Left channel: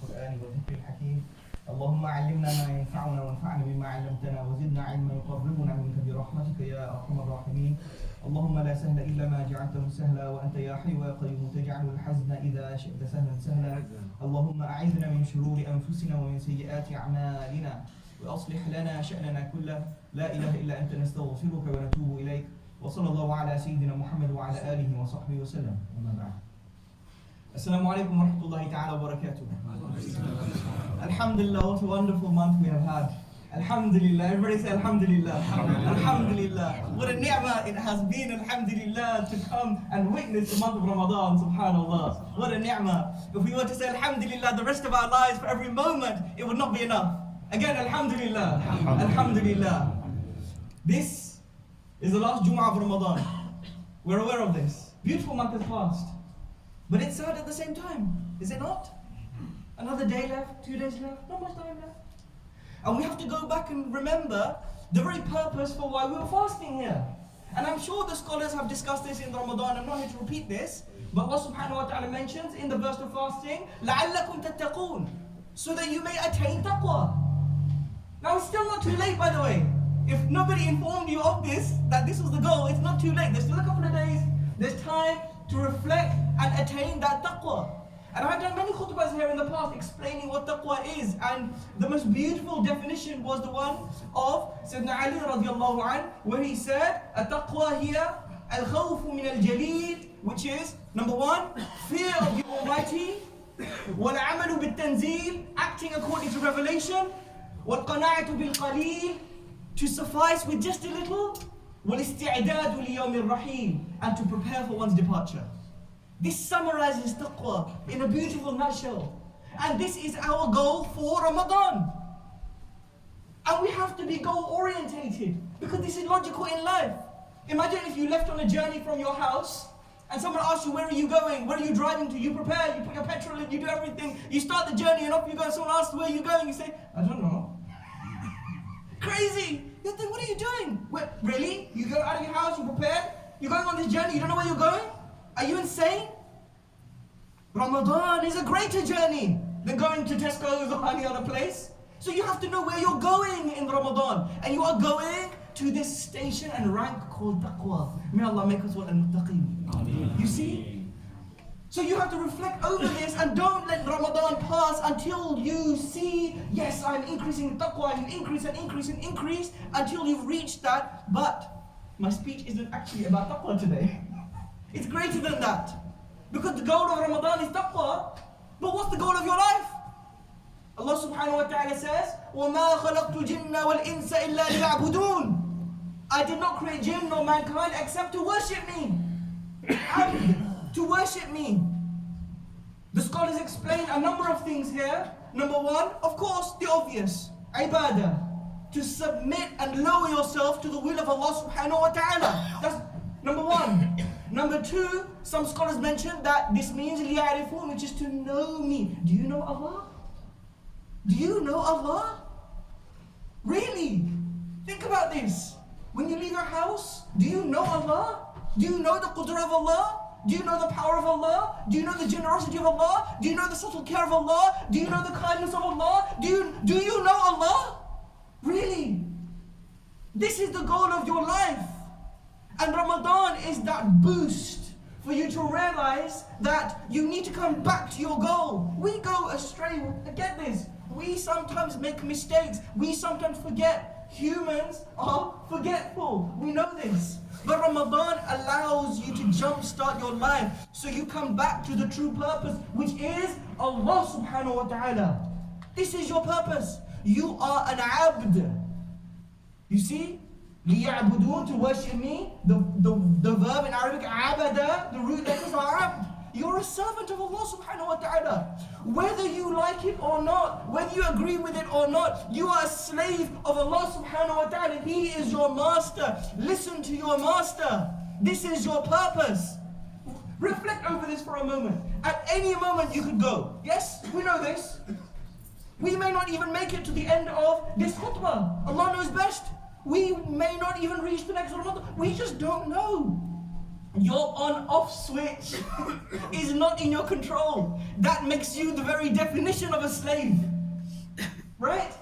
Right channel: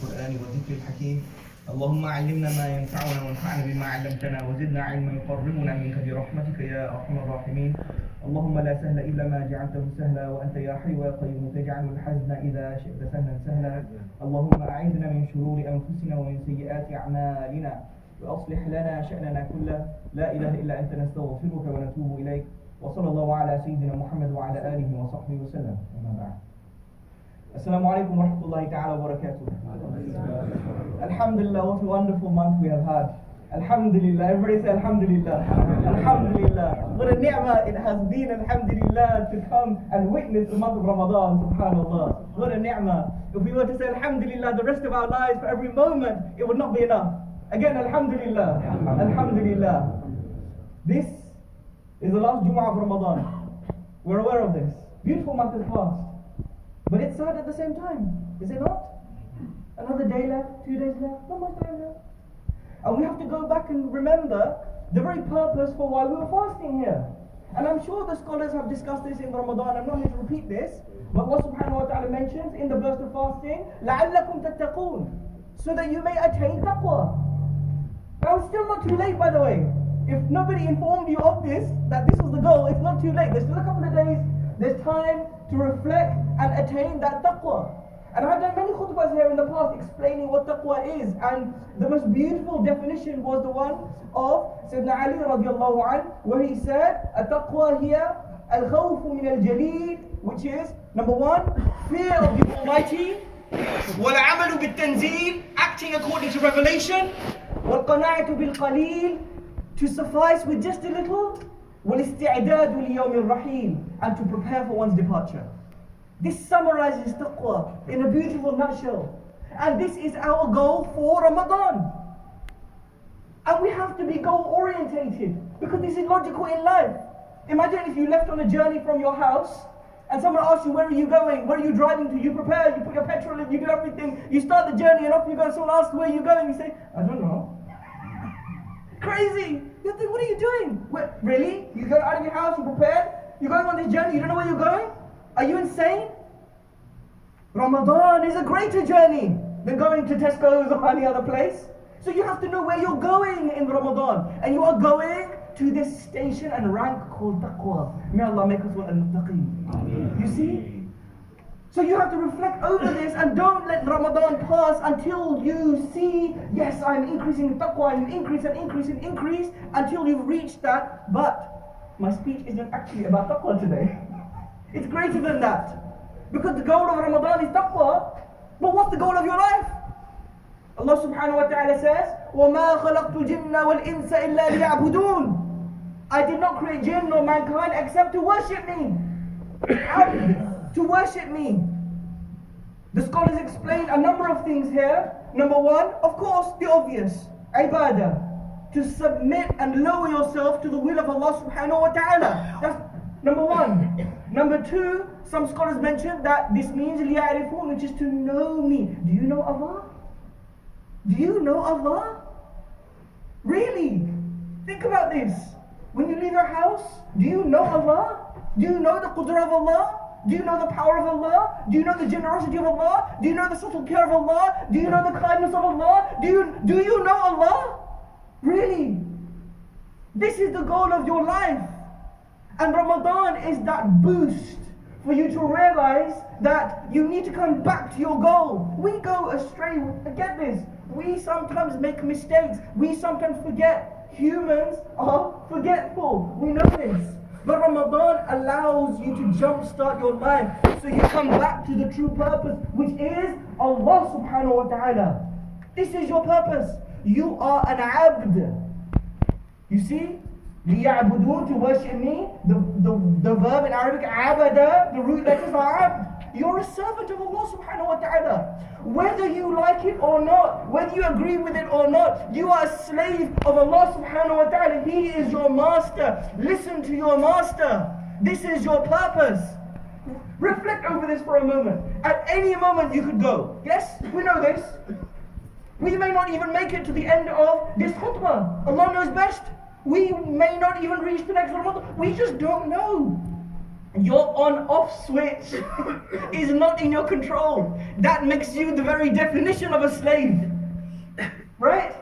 القرآن والذكر الحكيم. اللهم علمنا ما ينفعنا وانفعنا بما علمتنا وزدنا علما يقربنا منك برحمتك يا أرحم الراحمين. اللهم لا سهل إلا ما جعلته سهلا وأنت يا حي يا قيوم تجعل الحزن إذا شئت سهلا سهلا. اللهم أعذنا من شرور أنفسنا ومن سيئات أعمالنا وأصلح لنا شأننا كله. لا إله إلا أنت نستغفرك ونتوب إليك. وصلى الله على سيدنا محمد وعلى آله وصحبه وسلم. أما بعد. Assalamu alaikum wa rahmatullahi ta'ala wa barakatuh. Alhamdulillah, what a wonderful month we have had. Alhamdulillah, everybody say Alhamdulillah. Alhamdulillah. What a ni'mah it has been, Alhamdulillah, to come and witness the month of Ramadan, subhanallah. What a ni'mah. If we were to say Alhamdulillah the rest of our lives for every moment, it would not be enough. Again, Alhamdulillah. Alhamdulillah. This is the last Jummah of Ramadan. We're aware of this. Beautiful month has passed. But it's sad at the same time, is it not? Another day left, 2 days left, not much time left. And we have to go back and remember the very purpose for why we were fasting here. And I'm sure the scholars have discussed this in Ramadan. I'm not here to repeat this. But Allah subhanahu wa ta'ala mentions in the verse of fasting, لَعَلَّكُمْ تَتَّقُونَ, so that you may attain taqwa. Now it's still not too late, by the way. If nobody informed you of this, that this was the goal, it's not too late. There's still a couple of days. There's time to reflect and attain that taqwa. And I've done many khutbahs here in the past explaining what taqwa is, and the most beautiful definition was the one of Sayyidina Ali radiallahu anh, where he said, "At-taqwa hiya al-khawfu min al-jaleel," which is, number one, fear of the Almighty, wal-amalu bil-tanzeel, acting according to revelation, wal-qana'atu bil-qaleel, to suffice with just a little, وَالْإِسْتِعْدَادُ لِيَوْمِ الرَّحِيلِ, and to prepare for one's departure. This summarizes taqwa in a beautiful nutshell. And this is our goal for Ramadan. And we have to be goal orientated, because this is logical in life. Imagine if you left on a journey from your house and someone asked you, where are you going? Where are you driving to? You prepare, you put your petrol in, you do everything. You start the journey and off you go. And someone asks, where are you going? You say, I don't know. Crazy. You think, what are you doing? Wait, really? You go out of your house, you prepared? You're going on this journey, you don't know where you're going? Are you insane? Ramadan is a greater journey than going to Tesco's or any other place. So you have to know where you're going in Ramadan. And you are going to this station and rank called taqwa. May Allah make us one al-muttaqeen. You see? So you have to reflect over this and don't let Ramadan pass until you see, yes, I'm increasing in taqwa, and increase and increase and increase until you've reached that. But my speech isn't actually about taqwa today. It's greater than that. Because the goal of Ramadan is taqwa. But what's the goal of your life? Allah subhanahu wa ta'ala says, وَمَا خَلَقْتُ الْجِنَّ وَالْإِنسَ إِلَّا لِيَعْبُدُونَ. I did not create jinn nor mankind except to worship me. To worship me. The scholars explain a number of things here. Number one, of course, the obvious, ibadah, to submit and lower yourself to the will of Allah subhanahu wa ta'ala. That's number one. Number two, some scholars mention that this means liya'rifun, which is to know me. Do you know Allah? Do you know Allah? Really? Think about this. When you leave your house, do you know Allah? Do you know the qudra of Allah? Do you know the power of Allah? Do you know the generosity of Allah? Do you know the subtle care of Allah? Do you know the kindness of Allah? Do you know Allah? Really? This is the goal of your life. And Ramadan is that boost for you to realize that you need to come back to your goal. We go astray. Get this. We sometimes make mistakes. We sometimes forget. Humans are forgetful. We know this. But Ramadan allows you to jumpstart your life so you come back to the true purpose, which is Allah subhanahu wa ta'ala. This is your purpose. You are an abd. You see? لِيَعْبُدُونَ, to worship me. The verb in Arabic, abada, the root letters are abd. You're a servant of Allah subhanahu wa ta'ala. Whether you like it or not, whether you agree with it or not, you are a slave of Allah subhanahu wa ta'ala. He is your master. Listen to your master. This is your purpose. Reflect over this for a moment. At any moment you could go. Yes, we know this. We may not even make it to the end of this khutbah. Allah knows best. We may not even reach the next Ramadan. We just don't know. Your on-off switch is not in your control. That makes you the very definition of a slave. Right?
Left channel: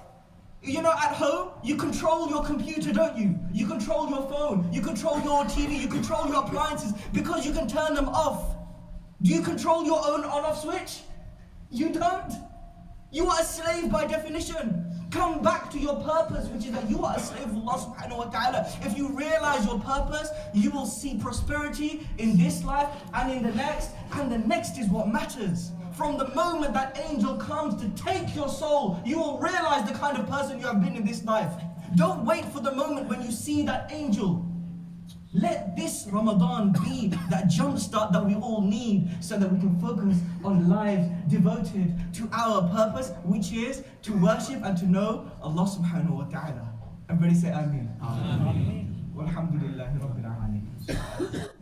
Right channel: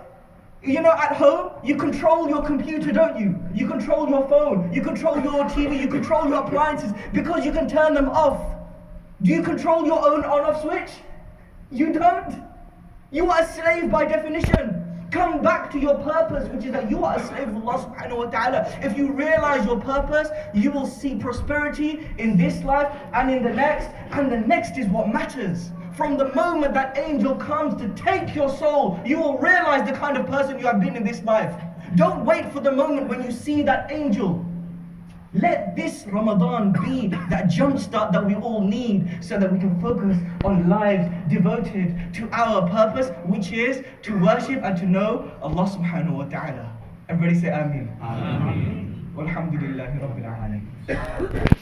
You know, at home, you control your computer, don't you? You control your phone, you control your TV, you control your appliances because you can turn them off. Do you control your own on-off switch? You don't. You are a slave by definition. Come back to your purpose, which is that you are a slave of Allah subhanahu wa ta'ala. If you realize your purpose, you will see prosperity in this life and in the next, and the next is what matters. From the moment that angel comes to take your soul, you will realize the kind of person you have been in this life. Don't wait for the moment when you see that angel. Let this Ramadan be that jumpstart that we all need so that we can focus on lives devoted to our purpose, which is to worship and to know Allah subhanahu wa ta'ala. Everybody say Ameen. Ameen. Walhamdulillahi Rabbil Alameen.